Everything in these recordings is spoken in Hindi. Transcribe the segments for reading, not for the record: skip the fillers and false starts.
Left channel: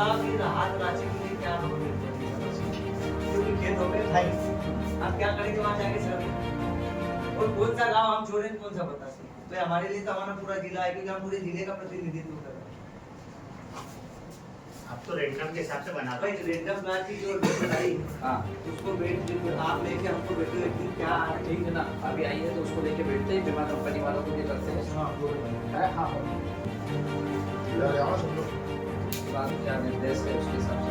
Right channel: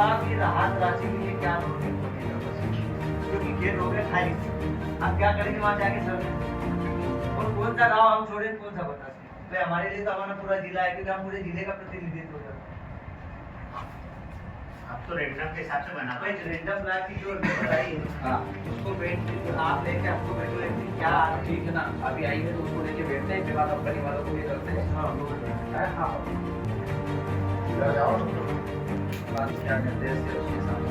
बताओ कि राहत राशि के लिए क्या करोगे? क्योंकि खेत हो गए खाली, आप क्या करेंगे वहाँ जाके सर? और कौन सा गांव हम छोड़ें, कौन सा बता सकते? तो हमारे लिए तो हमारा पूरा जिला है, क्योंकि हम पूरे जिले का प्रतिनिधित्व करते हैं। आप तो रेंडम के हिसाब से बना भाई रेंडम ब्लॉक की जो बताई है, हाँ उसको बैठ आप लेके हमको बैठो एक दिन, क्या आने ठीक है ना, अभी आई है तो उसको लेके बैठते हैं, बीमा कंपनी वालों को भी करते हैं। हाँ बोलो। अरे हाँ, बात क्या निर्देश है उसके हिसाब से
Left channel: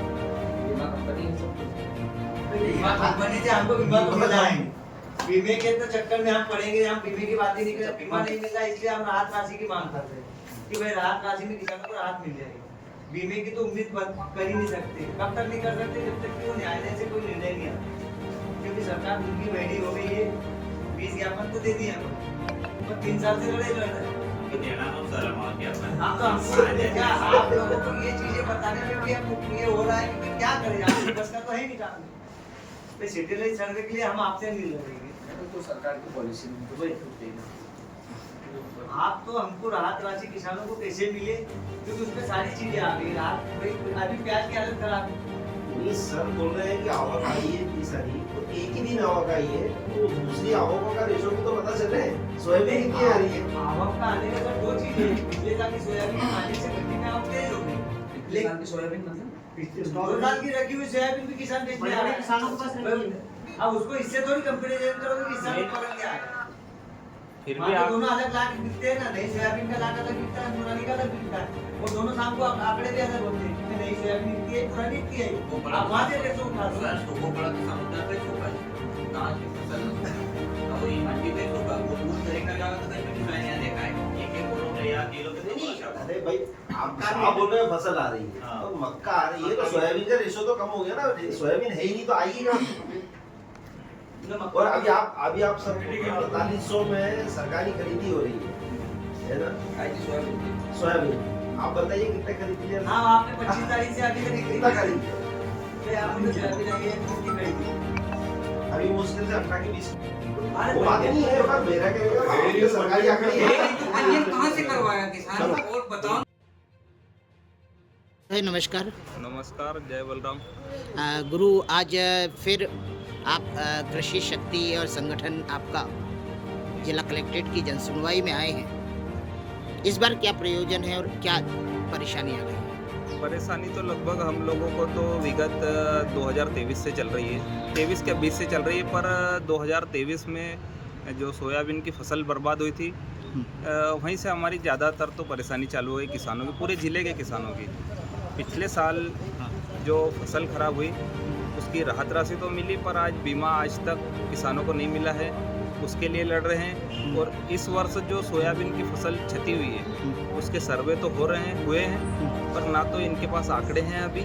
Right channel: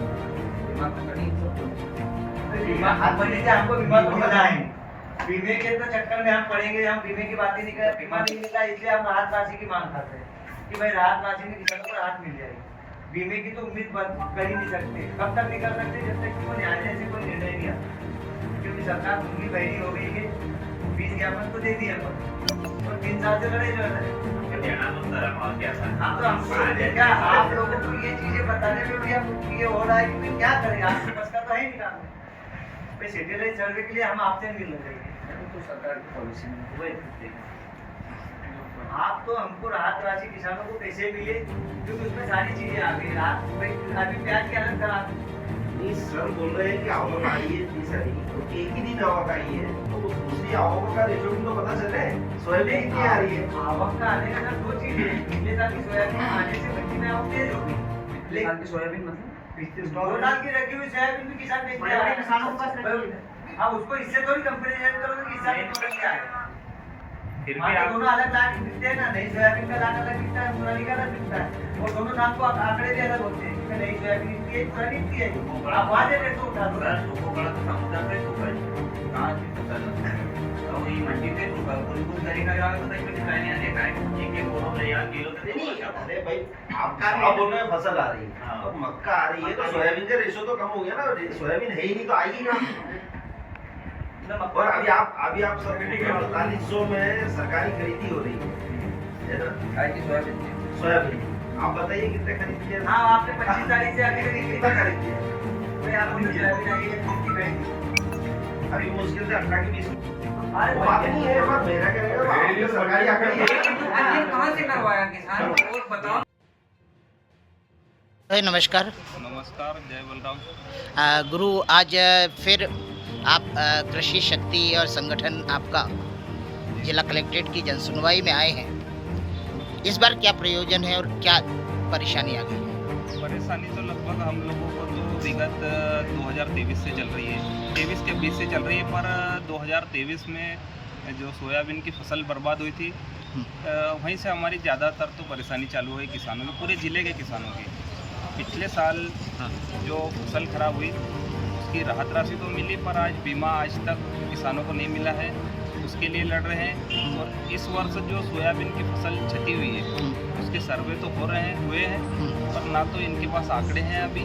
बीमा कंपनी सब बीमा कंपनी से हमको बीमा तो मिला है, बीमे के तो चक्कर में हम पड़ेंगे, हम बीमे की बात ही नहीं कर, बीमा नहीं मिलता इसलिए हम राहत राशि की मांग कर रहे हैं कि भाई राहत राशि में किसानों को राहत मिल जाएगी। बीमे की तो उम्मीद कर ही नहीं सकते, कब तक नहीं कर सकते, जब तक कि वो न्यायालय से कोई निर्णय नहीं आता, क्योंकि सरकार उनकी बहरी हो गई है। 20 ज्ञापन तो दे दिए हम, और 3 साल से लड़ रहे हैं। अब तो हमको क्या आप लोगों को ये चीजें बताने में भी अब ये हो रहा है कि भाई क्या करें, आपकी बस का तो है नहीं काम। भाई सिटीजन सर्वे के लिए हम आपसे मिल रहे हैं, तो सरकार की पॉलिसी में तो वही आप तो हमको राहत राशि किसानों को कैसे मिले, क्योंकि उसमें सारी चीजें आ गई। राहत भाई अभी प्याज के अलग था, नहीं सर बोल रहे हैं कि आवक आई है इतनी सारी, तो एक ही दिन आवक आई है, तो दूसरी आवक का रेशो भी तो पता चले। सोयाबीन कितनी आ रही है? आवक का आने का सर 2 चीजें हैं। पिछले साल की सोयाबीन आने से मंडी में आवक तेज हो गई, पिछले साल की सोयाबीन मतलब पिछले 2 साल की रखी हुई सोयाबीन भी किसान बेचने आ रहे हैं, किसानों के पास रखी है। अब उसको इससे थोड़ी कंपेरिजन करोगे कि इस साल में क्या है। फिर भी आप दोनों अलग लाख बिकते हैं ना, नई सोयाबीन का लाख अलग बिकता है, पुरानी का अलग बिकता है, वो दोनों शाम को आंकड़े भी अलग होते हैं कि नई सोयाबीन बिकती है, पुरानी बिकती है। आप वहाँ से रेट उठा दो। बड़ा तो समुद्र पे चुका है, कहाँ की फसल तो ये मंडी पे चुका है, कुछ तरीका जाएगा तो कहीं पे डिजाइन यहाँ देखा है, एक बोरो में या किलो पे नहीं अरे भाई आप बोल रहे हैं फसल आ रही है, तो मक्का आ रही है, तो सोयाबीन का रेशो तो कम हो गया ना। सोयाबीन है ही नहीं तो आएगी कहाँ? और अभी आप सब 4500 में सरकारी खरीदी हो रही है ना सोयाबीन। आप बताइए कितने खरीदी है? हाँ आपने 25 तारीख से आगे कितना खरीदी है? भाई आपने सोयाबीन आई है कितनी खरीदी? अभी मुश्किल से 18 के 20। अरे वो बात नहीं है, पर मेरा कहेगा आपके सरकारी आंकड़े हैं। कहाँ से करवाया किसान और बताओ। नमस्कार। नमस्कार, जय बलराम। गुरु आज फिर आप कृषि शक्ति और संगठन आपका जिला कलेक्ट्रेट की जनसुनवाई में आए हैं। इस बार क्या प्रयोजन है और क्या परेशानी आ गई? परेशानी तो लगभग हम लोगों को तो विगत 2023 से चल रही है, 23 के 20 से चल रही है, पर 2023 में जो सोयाबीन की फसल बर्बाद हुई थी वहीं से हमारी ज़्यादातर तो परेशानी चालू हुई किसानों की, पूरे ज़िले के किसानों की। पिछले साल जो फसल खराब हुई उसकी राहत राशि तो मिली, पर आज बीमा आज तक किसानों को नहीं मिला है, उसके लिए लड़ रहे हैं। और इस वर्ष जो सोयाबीन की फसल क्षति हुई है उसके सर्वे तो हुए हैं, पर ना तो इनके पास आंकड़े हैं अभी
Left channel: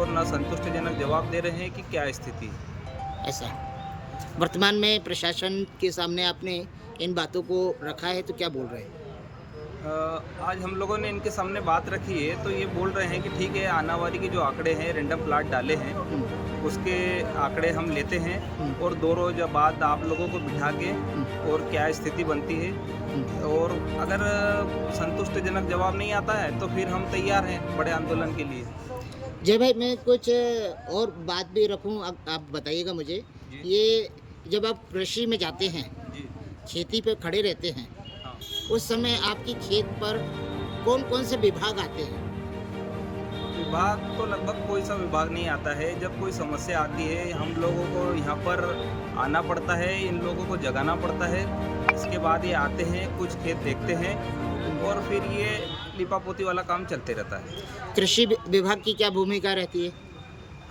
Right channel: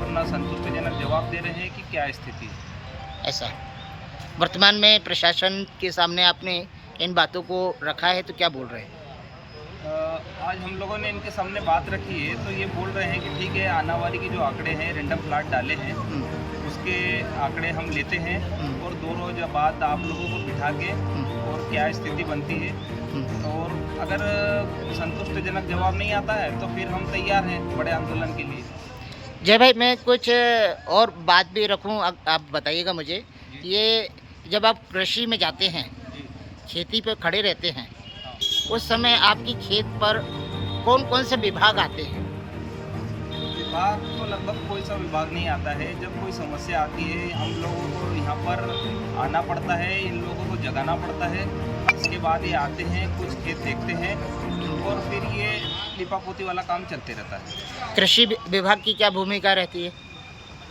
और ना संतुष्टिजनक जवाब दे रहे हैं कि क्या स्थिति है। ऐसा वर्तमान में प्रशासन के सामने आपने इन बातों को रखा है तो क्या बोल रहे हैं? आज हम लोगों ने इनके सामने बात रखी है तो ये बोल रहे हैं कि ठीक है, आनावारी के जो आंकड़े हैं, रेंडम प्लाट डाले हैं उसके आंकड़े हम लेते हैं और 2 रोज बाद आप लोगों को बिठा के और क्या स्थिति बनती है, और अगर संतुष्टिजनक जवाब नहीं आता है तो फिर हम तैयार हैं बड़े आंदोलन के लिए। जय भाई, मैं कुछ और बात भी रखूं, आप बताइएगा मुझे। ये जब आप कृषि में जाते हैं, खेती पे खड़े रहते हैं, उस समय आपकी खेत पर कौन कौन से विभाग आते हैं? विभाग तो लगभग कोई सा विभाग नहीं आता है। जब कोई समस्या आती है हम लोगों को यहाँ पर आना पड़ता है, इन लोगों को जगाना पड़ता है, इसके बाद ये आते हैं, कुछ खेत देखते हैं और फिर ये लिपापोती वाला काम चलते रहता है। कृषि विभाग की क्या भूमिका रहती है?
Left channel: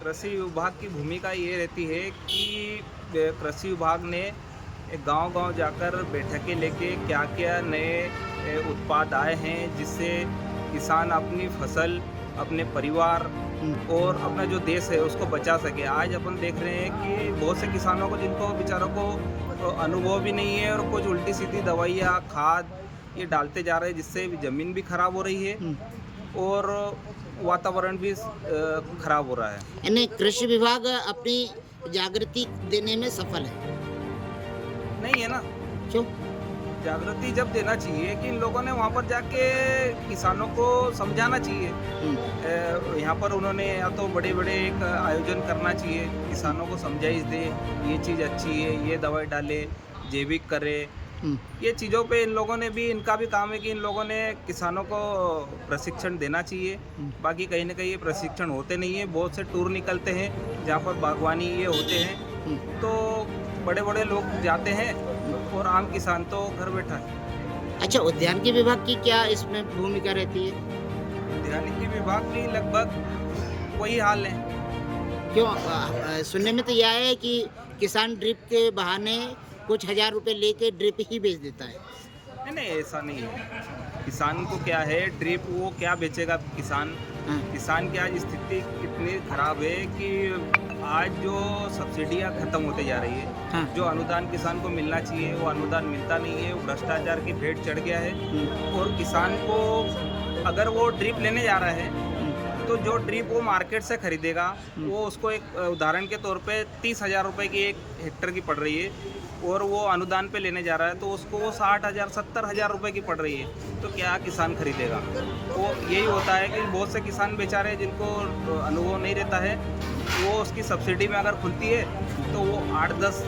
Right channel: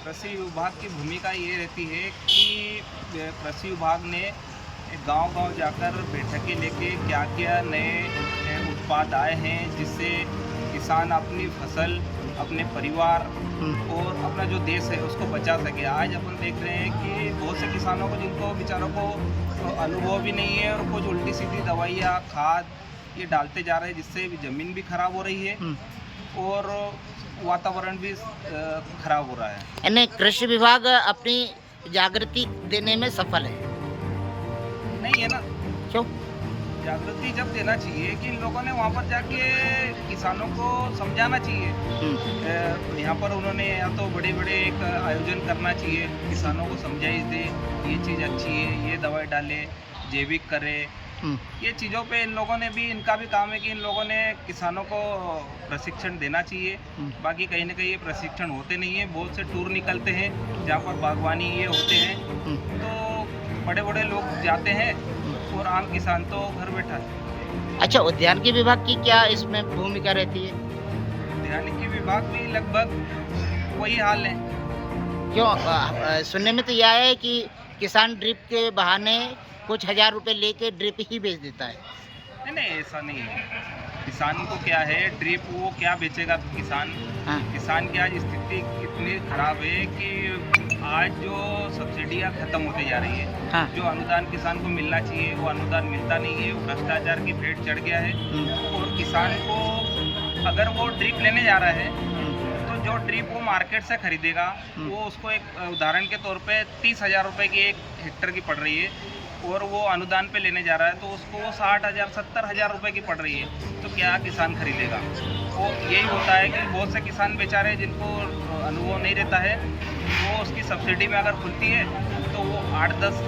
कृषि विभाग की भूमिका ये रहती है कि कृषि विभाग ने गांव-गांव जाकर बैठकें लेके क्या क्या नए उत्पाद आए हैं जिससे किसान अपनी फसल, अपने परिवार और अपना जो देश है उसको बचा सके। आज अपन देख रहे हैं कि बहुत से किसानों को, जिनको बेचारों को अनुभव भी नहीं है और कुछ उल्टी सीधी दवाइयाँ, खाद ये डालते जा रहे हैं जिससे ज़मीन भी खराब हो रही है और वातावरण भी खराब हो रहा है। यानी कृषि विभाग अपनी जागृति देने में सफल है? नहीं है ना। क्यों? जागृति जब देना चाहिए कि इन लोगों ने वहाँ पर जाके किसानों को समझाना चाहिए। यहाँ पर उन्होंने या तो बड़े बड़े एक आयोजन करना चाहिए, किसानों को समझाइश दे ये चीज़ अच्छी है, ये दवाई डाले, जैविक करे, ये चीज़ों पे इन लोगों ने भी, इनका भी काम है कि इन लोगों ने किसानों को प्रशिक्षण देना चाहिए। बाकी कहीं ना कहीं ये प्रशिक्षण होते नहीं है, बहुत से टूर निकलते हैं जहाँ पर बागवानी ये होते हैं, तो बड़े बड़े लोग जाते हैं और आम किसान तो घर बैठा है। अच्छा, उद्यानिकी विभाग की क्या इसमें भूमिका रहती है? उद्यानिकी विभाग भी लगभग वही हाल है। क्यों? सुनने में तो यह आया है कि किसान ड्रिप के बहाने कुछ 1000 रुपए लेके ड्रिप ही बेच देता है। नहीं नहीं, ऐसा नहीं है। किसान को क्या है, ड्रिप वो क्या बेचेगा किसान? हाँ। किसान की आज स्थिति इतनी खराब है कि आज जो सब्सिडियां खत्म होते जा रही है, हाँ। जो अनुदान किसान को मिलना चाहिए वो अनुदान मिलता नहीं है, वो भ्रष्टाचार की भेंट चढ़ गया है। और किसान को अगर वो ड्रिप लेने जा रहा है तो जो ड्रिप वो मार्केट से खरीदेगा वो उसको एक उदाहरण के तौर पे 30,000 रुपये की 1 हेक्टर की पड़ रही है, और वो अनुदान पे लेने जा रहा है तो उसको वो 60,000 70,000 रुपये की पड़ रही है, तो क्या किसान खरीदेगा? वो यही होता है कि बहुत से किसान बेचारे जिनको अनुभव नहीं रहता है, वो उसकी सब्सिडी में अगर खुलती है तो वो 8-10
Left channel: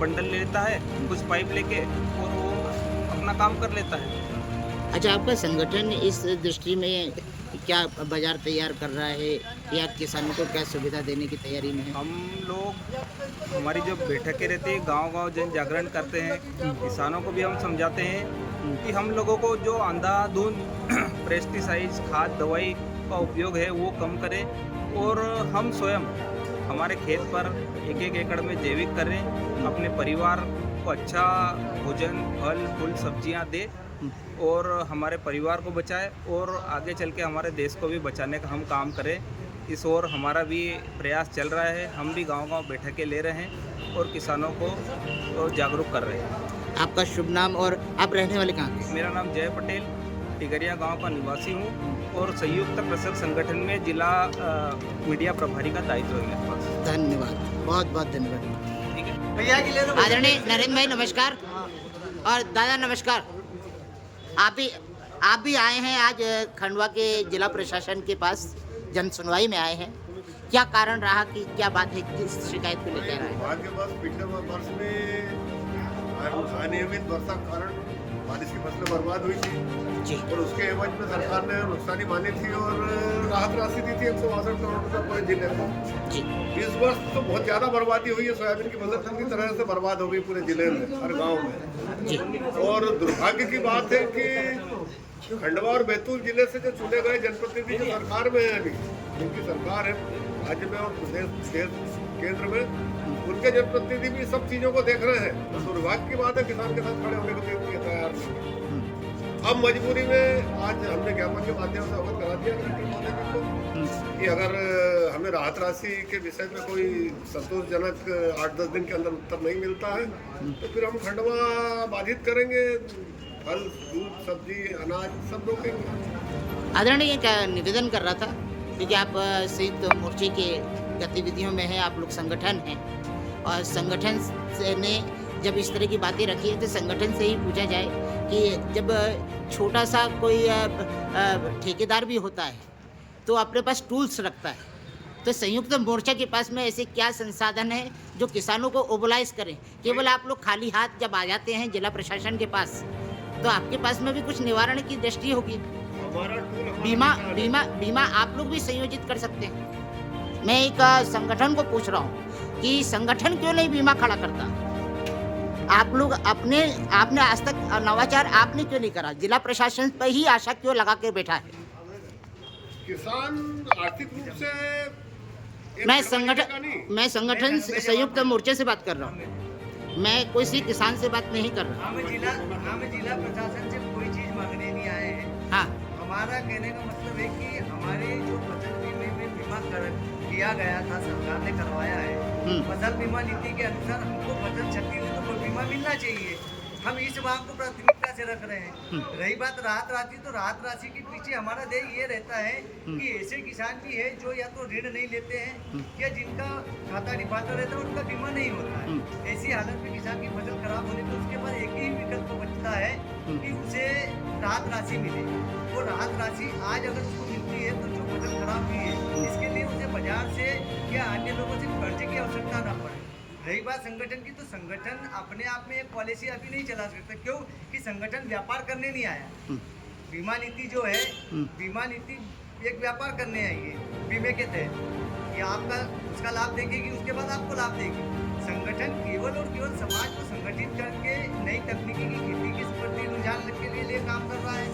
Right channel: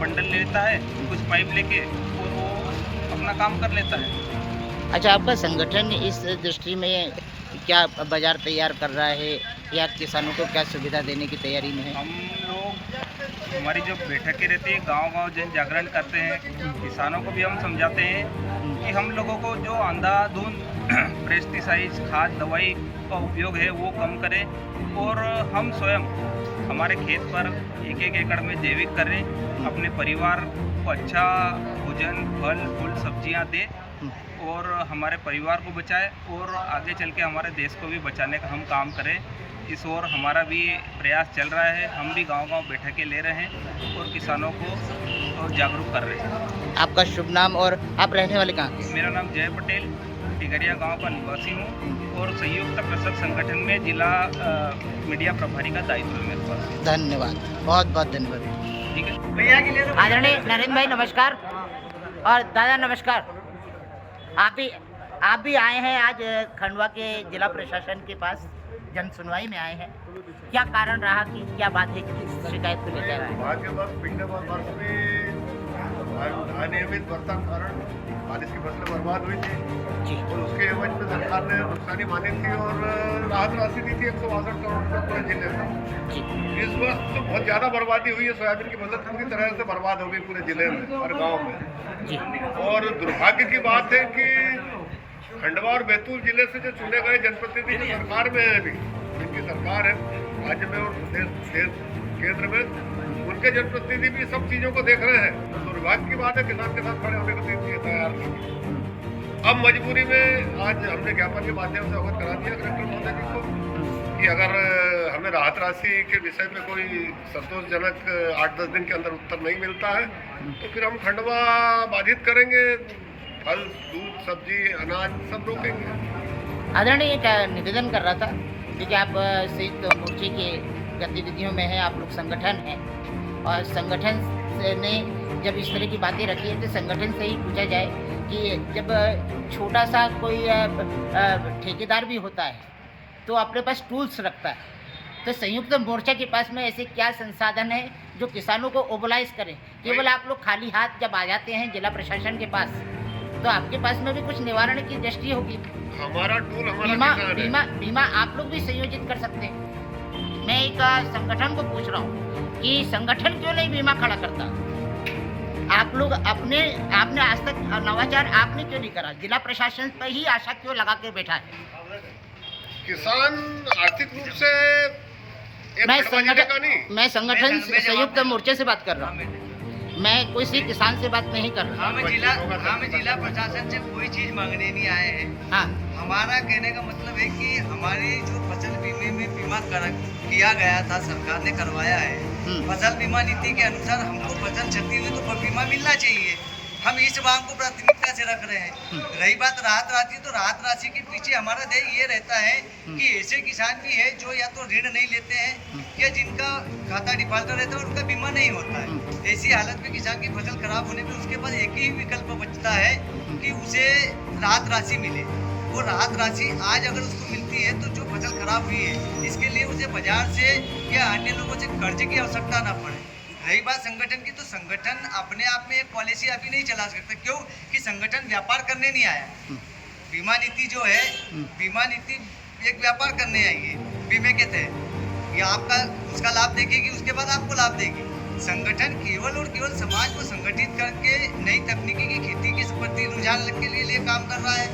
बंडल लेता है, कुछ पाइप लेके, और वो अपना काम कर लेता है। अच्छा, आपका संगठन इस दृष्टि में क्या बाजार तैयार कर रहा है या किसानों को क्या सुविधा देने की तैयारी में है? हम लोग, हमारी जो बैठकें रहती है, गांव-गांव जन जागरण करते हैं, किसानों को भी हम समझाते हैं कि हम लोगों को जो अंधाधुंध पेस्टिसाइड्स, खाद, दवाई का उपयोग है वो कम करें, और हम स्वयं हमारे खेत पर 1-1 एकड़ में जैविक करें, अपने परिवार को अच्छा भोजन, फल फूल सब्जियां दे और हमारे परिवार को बचाए, और आगे चल के हमारे देश को भी बचाने का हम काम करें। इस ओर हमारा भी प्रयास चल रहा है। हम भी गांव-गांव बैठकें ले रहे हैं और किसानों को जागरूक कर रहे हैं। आपका शुभ नाम और आप रहने वाले कहाँ के? मेरा नाम जय पटेल, टिगरिया गांव का निवासी हूं और संयुक्त कृषक संगठन में जिला मीडिया प्रभारी का दायित्व है मेरे पास। धन्यवाद, बहुत बहुत धन्यवाद। ठीक है भैया की ले लो। आदरणीय नरेंद्र भाई नमस्कार, और दादा नमस्कार। आप भी आए हैं आज खंडवा के जिला प्रशासन के पास, जन सुनवाई में आए हैं। क्या कारण रहा, कि क्या बात है, किस शिकायत को लेकर आए? भाग्यवश पिछले वर्ष में अनियमित वर्षा के कारण बारिश की फसलें बर्बाद हुई थी, जी और उसके एवज में सरकार ने नुकसानी मानी थी और राहत राशि दी थी 162 करोड़ रुपये पूरे जिले को। जी। इस वर्ष तो बहुत ज़्यादा बर्बादी हुई है, सोयाबीन की फसल पूरी तरह से बर्बाद हो गई पूरे जिले में, हर गाँव में। जी। और दुर्भाग्य की बात है कि खंडवा और बैतूल जिले से जो चुने गए जनप्रतिनिधि जो सरकार में है, अभी जिनकी सरकार है राज्य में और प्रदेश केंद्र में, उनके जनप्रतिनिधि भी सब चीजों को देख रहे हैं। तो दुर्भाग्य की बात है, किसान के साथ खड़े होने को तैयार नहीं। अब मजबूरी में आज हमने ज्ञापन के माध्यम से अवगत करा दिया कलेक्टर महोदय जी को कि अगर हमें राहत राशि के विषय में कोई संतोषजनक 8-10 दिन के अंदर उत्तर नहीं मिलता है तो फिर हम खंडवा बाधित करेंगे, फल, दूध, सब्जी, अनाज सब रोकेंगे। आदरणीय एक निवेदन कर रहा था, क्योंकि आप संयुक्त मोर्चे के गतिविधियों में हैं, आप लोग संगठन हैं, और संगठन ने जब इस तरह की बातें रखी है तो संगठन से ही पूछा जाए कि जब छोटा सा कोई ठेकेदार भी होता है तो अपने पास टूल्स रखता है, तो संयुक्त मोर्चा के पास में ऐसे क्या संसाधन है जो किसानों को ओबलाइज करें? केवल आप लोग खाली हाथ जब आ जाते हैं जिला प्रशासन के पास, तो आपके पास में भी कुछ निवारण की दृष्टि होगी। हमारा टूल हमारा बीमा किसान है। बीमा बीमा आप लोग भी संयोजित कर सकते हैं। मैं एक संगठन को पूछ रहा हूँ कि संगठन क्यों नहीं बीमा खड़ा करता? आप लोग आपने आज तक नवाचार आपने क्यों नहीं करा? जिला प्रशासन पर ही आशा क्यों लगा के बैठा है? किसान आर्थिक रूप से एक मैं खंडवा जिले का नहीं। संगठन संयुक्त मोर्चे से बात कर रहा हूँ, मैं कोई सी किसान से बात नहीं कर रहा। हम जिला प्रशासन से कोई चीज मांगने नहीं आए हैं। हाँ, हमारा कहने का मतलब है कि हमारी जो फसल बीमे में बीमा किया गया था, सरकार ने करवाया है। फसल बीमा नीति के अनुसार हमको फसल क्षति हुई तो बीमा मिलना चाहिए। हम इस मांग को प्राथमिकता से रख रहे हैं। रही बात राहत राशि, तो राहत राशि के पीछे हमारा ध्येय ये रहता है कि ऐसे किसान भी है जो या तो ऋण नहीं लेते हैं या जिनका खाता डिफॉल्टर रहता है, उनका बीमा नहीं होता है। ऐसी हालत में किसान की फसल खराब होने पर उसके पास एक ही विकल्प बचता है कि उसे राहत राशि मिले। वो राहत राशि आज अगर उसको मिलती है तो जो फसल खराब हुई है इसके लिए उसे बाजार से या अन्य लोगों से कर्ज की आवश्यकता ना पड़े। रही बात संगठन की, तो संगठन अपने आप में एक पॉलिसी अभी नहीं चला सकता। क्यों कि संगठन व्यापार करने नहीं आया। बीमा नीति जो है, बीमा नीति एक व्यापार करने आई है बीमे के तहत। ये आपका उसका लाभ देखेगी, उसके बाद आपको लाभ देगी। संगठन केवल और केवल समाज को संगठित करके नई तकनीकी की खेती के प्रति रुझान के लिए काम कर रहा है।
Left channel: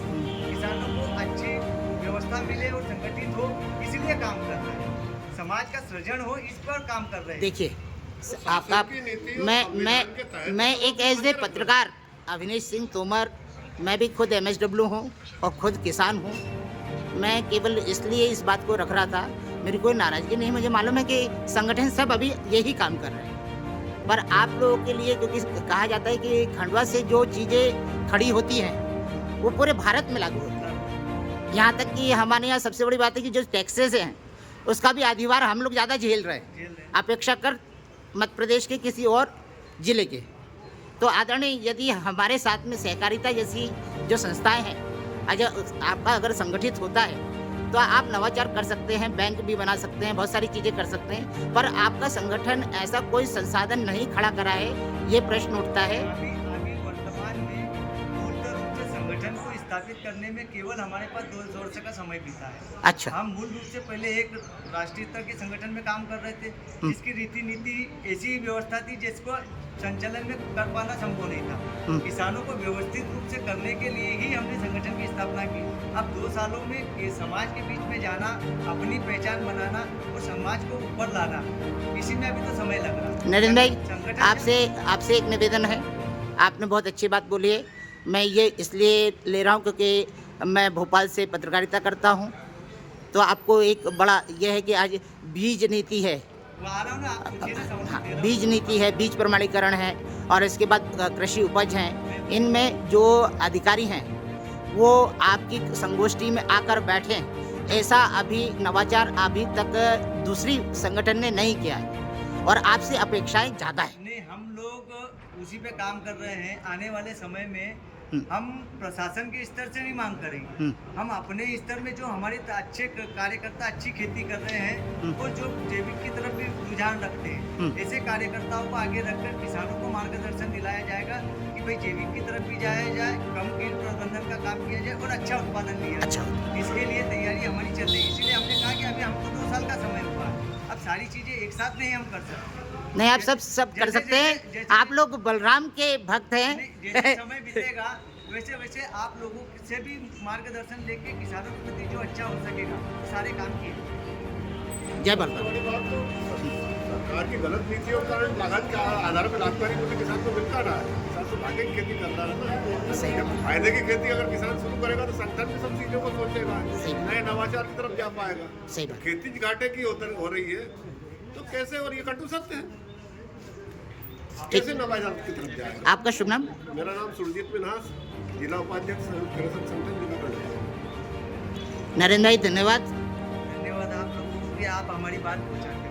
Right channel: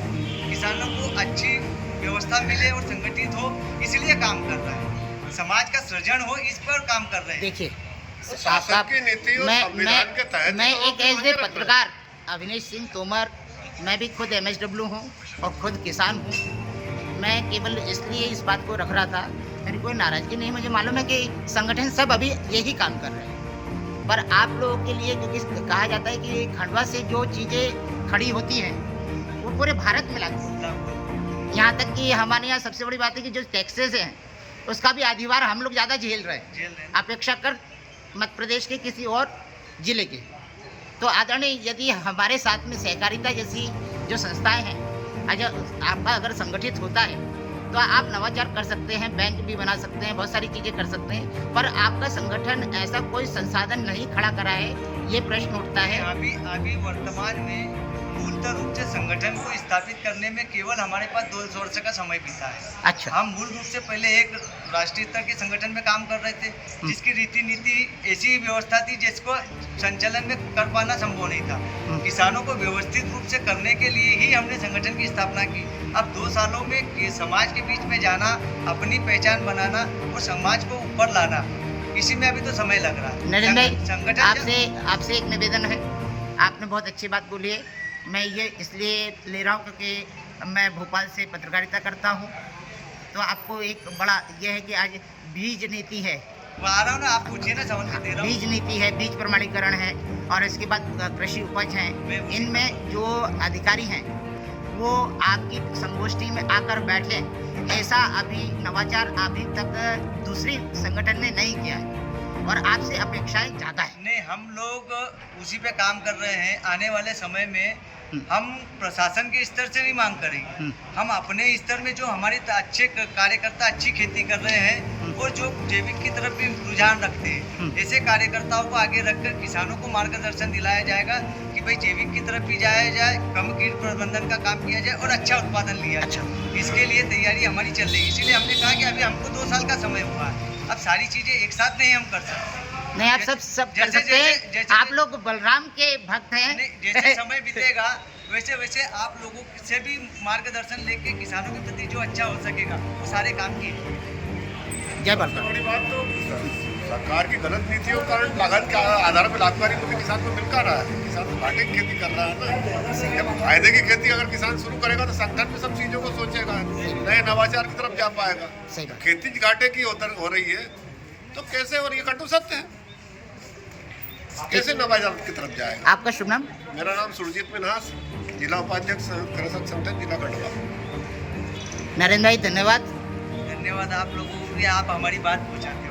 किसानों को अच्छी व्यवस्था मिले और संगठित हो, इसलिए काम कर रहा है। समाज का सृजन हो, इस पर काम कर रहे हैं। देखिए शासन की नीति और संविधान के तहत मैं तो एक एज ए पत्रकार अविनेश सिंह तोमर, मैं भी खुद MSW हूँ और खुद किसान हूँ। मैं केवल इसलिए इस बात को रख रहा था, मेरी कोई नाराजगी नहीं। मुझे मालूम है कि संगठन सब अभी यही काम कर रहे हैं, पर आप लोगों के लिए, क्योंकि कहा जाता है कि खंडवा से जो चीज़ें खड़ी होती हैं वो पूरे भारत में लागू होती है। यहाँ तक कि हमारे यहाँ सबसे बड़ी बात है कि जो टैक्सेस हैं उसका भी अधिभार हम लोग ज़्यादा झेल रहे हैं अपेक्षा कर मध्य प्रदेश के किसी और जिले के। तो आदरणीय, यदि हमारे साथ में सहकारिता जैसी जो संस्थाएं हैं, आपका अगर संगठित होता है तो आप नवाचार कर सकते हैं, बैंक भी बना सकते हैं, बहुत सारी चीज़ें कर सकते हैं, पर आपका संगठन ऐसा कोई संसाधन नहीं खड़ा करा है, ये प्रश्न उठता है। अभी वर्तमान में मूलतः रूप से संगठन को स्थापित करने में केवल हमारे पास 2 वर्ष का समय बीता है। अच्छा। हम मूल रूप से पहले एक राष्ट्रीय स्तर के संगठन में काम कर रहे थे, जिसकी रीति नीति ऐसी व्यवस्था थी जिसको संचालन में कर पाना संभव नहीं था। किसानों को व्यवस्थित रूप से करने के लिए ही हमने संगठन की स्थापना की। अब 2 सालों में समाज के बीच में जाना, अपनी पहचान बनाना और समाज को ऊपर लाना, इसी में अभी तो समय लग रहा है। नरेंद्र भाई, आपसे एक निवेदन है। आपने बहुत अच्छी बात बोली है। मैं ये इसलिए ले रहा हूँ क्योंकि मैं भोपाल से पत्रकारिता करता हूँ, तो आपको एक बड़ा ये है कि आज बीज नीति है, आ रहा हूँ ना, आप पूछिए ना, सवाल दे रहा हूँ। बीज नीति है, बीज प्रमाणीकरण है, और इसके बाद कृषि उपज हैं। इनमें जो अधिकारी हैं वो आपकी संगोष्ठी में आकर बैठे, ऐसा अभी नवाचार अभी तक दूसरी संगठन ने नहीं किया है और आपसे अपेक्षाएं ज़्यादा है। नहीं, हम लोग उसी पे काम कर रहे हैं। आने वाले समय में हम प्रशासन के स्तर से नहीं मांग करेंगे। हम अपने स्तर में जो हमारे अच्छे कार्यकर्ता अच्छी खेती कर रहे हैं और जो जैविक की तरफ भी रुझान रखते हैं, ऐसे कार्यकर्ताओं को आगे रखकर किसानों को मार्गदर्शन दिलाया जाएगा कि भाई जैविक की तरफ भी जाया जाए, कम कीट प्रबंधन का काम किया जाए और अच्छा उत्पादन लिया जाए। इसके लिए तैयारी हमारी चल रही है। इसीलिए हमने कहा कि अभी हमको 2 साल का समय हुआ है, अब सारी चीजें एक साथ नहीं हम कर सकते। नहीं, आप सब कर सकते हैं। आप लोग बलराम के भक्त हैं। जैसे समय बीतेगा वैसे वैसे आप लोगों से भी मार्गदर्शन लेके किसानों के प्रति जो अच्छा हो सकेगा वो सारे काम किए। जय बलराम। बड़ी बात तो सरकार की गलत नीतियों के कारण लागत के आधार पर लाभकारी को भी किसान को मिल कर रहा है। किसान तो घाटे की खेती कर रहा है ना। जब फायदे की खेती अगर किसान शुरू करेगा तो संगठन भी सब चीजों को सोचेगा, नए नवाचार की तरफ जा पाएगा। खेती घाटे की हो रही है तो कैसे, और ये कटु सत्य है, कैसे नवाचार की तरफ जाएगा। आपका शुभ नाम? मेरा नाम सुरजीत मिन्हास, जिला उपाध्यक्ष कृषक संगठन जिला खंडवा। नरेंद्र भाई, धन्यवाद। धन्यवाद आप लोगों को भी, आप हमारी बात पहुंचाते हैं।